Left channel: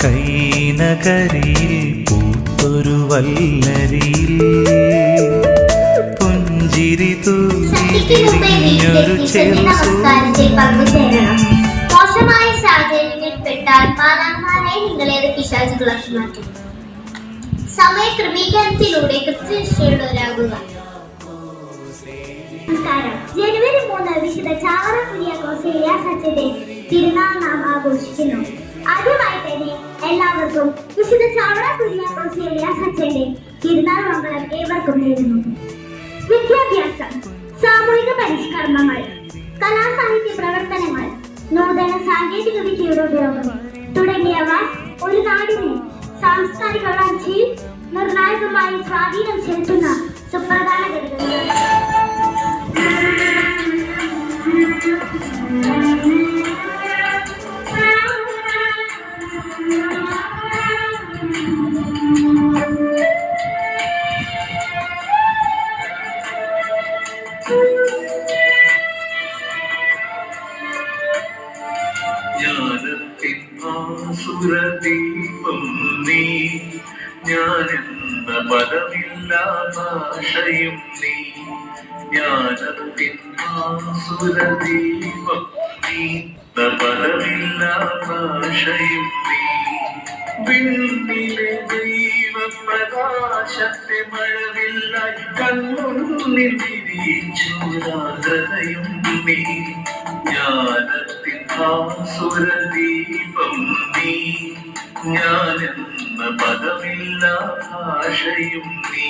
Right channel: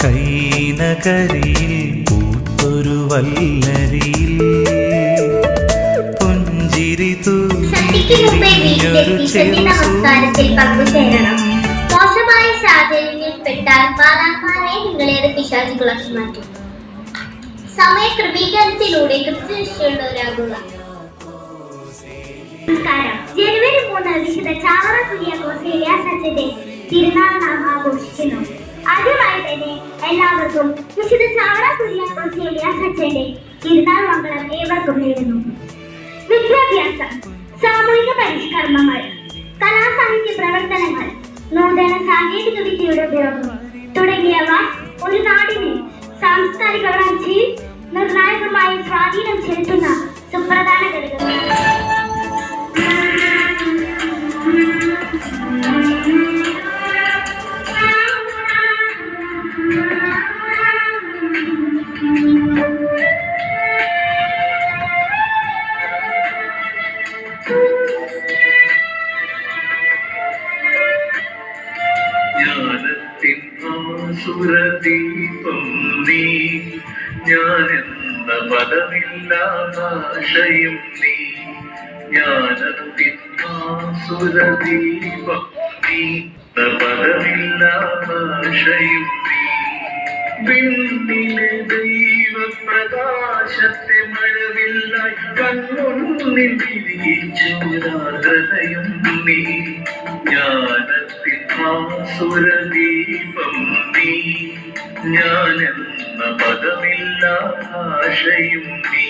കൈനകരിയിൽ പൂത്തൊരു വല്ലരിയിൽ. പുഞ്ചിരി തൂകി വിരിഞ്ഞൊരു ചെറു സമയ ക്രമീകരണത്തിലൂടെ ജനുവരി മൂന്ന് വിശുദ്ധ ചാവറ കുര്യാക്കോസ് ഏലിയാസ് അച്ഛന്റെ തിരുനാൾ നാം ആഘോഷിക്കുന്നു ആദ്യമായി തന്നെ എല്ലാവർക്കും വിശുദ്ധ ചാവറ കുര്യാക്കോസ് ഏലിയാസ് അച്ഛന്റെ മംഗളം ഏവർക്കും നേരുന്നു. വിദ്യാഭ്യാസം സാമൂഹിക പരിഷ്കർമ്മങ്ങൾ കലാസാഹിത്യ പ്രവർത്തനങ്ങൾ നൂതന സാങ്കേതിക വിദ്യയുടെ ഉപയോഗം തുടങ്ങിയവ ഒരു നാടിനെ സാംസ്കാരിക വളർച്ചയിൽ നിർണായകമായി സ്വാധീനം ചെലുത്തുന്ന സുപ്രധാന ജ്ഞാനത്തിൻ ആസുരദീപം നീ. ഞാനെന്ന പദമില്ലാതാശയും നീ. ജ്ഞാനത്തിൻ ആസുരദീപം നീ പദമില്ലാതാശയും നീ. വിണ്ണിലെ ദൈവപ്രകാശത്തെ മഴവില്ലായി മഴവില്ല വിരിച്ചൂരാഗ്രതയും നീ. ജ്ഞാനത്തിൻ ആസുരദീപം നീ. ഞാനെന്ന പദമില്ല ആശയും നീ.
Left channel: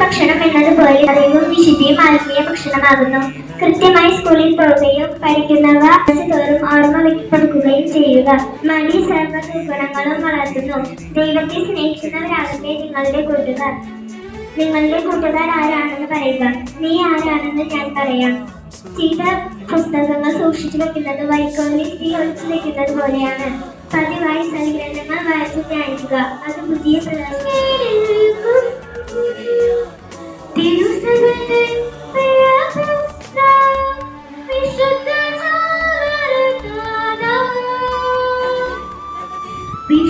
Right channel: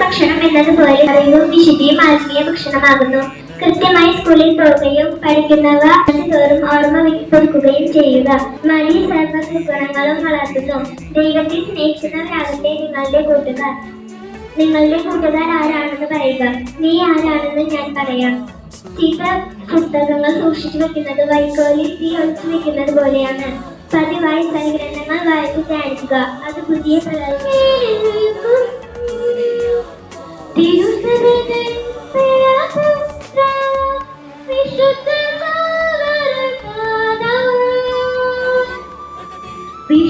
ഭക്ഷണം എന്നതുപോലെ അറിവും വിശുദ്ധിയും ആത്മീയ ഭക്ഷണമാകുന്നു. കൃത്യമായി സ്കൂളിൽ പോവുകയും പഠിക്കുന്നവ തോറും ഓർമ്മ പുതുക്കുകയും ചെയ്യുക. മലി സർവ ഗുണങ്ങളും വളർത്തുന്നു. ദൈവത്തെ സ്നേഹിക്കുന്നവരാകട്ടെ നിങ്ങളുടെ കൂട്ടുകാർ. നിങ്ങളുടെ കൂട്ടുകാർ ആരാണെന്ന് പറയുക. നീ ആരാണെന്ന് ഞാൻ പറയാം. ചില പുസ്തകങ്ങൾ സൂക്ഷിച്ചു വെക്കുന്നത് വൈക്കോലിൽ തീ ഒളിച്ചു വെക്കുന്നത് പോലെയാണ്. പതിവായി സങ്കീർണങ്ങൾ വായിച്ചു ധ്യാനിക്കുക. അത് പുതിയ പ്രകാശം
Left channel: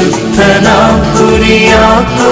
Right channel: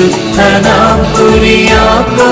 വിശുദ്ധനാം കുരിയാക്കോസേലിയാ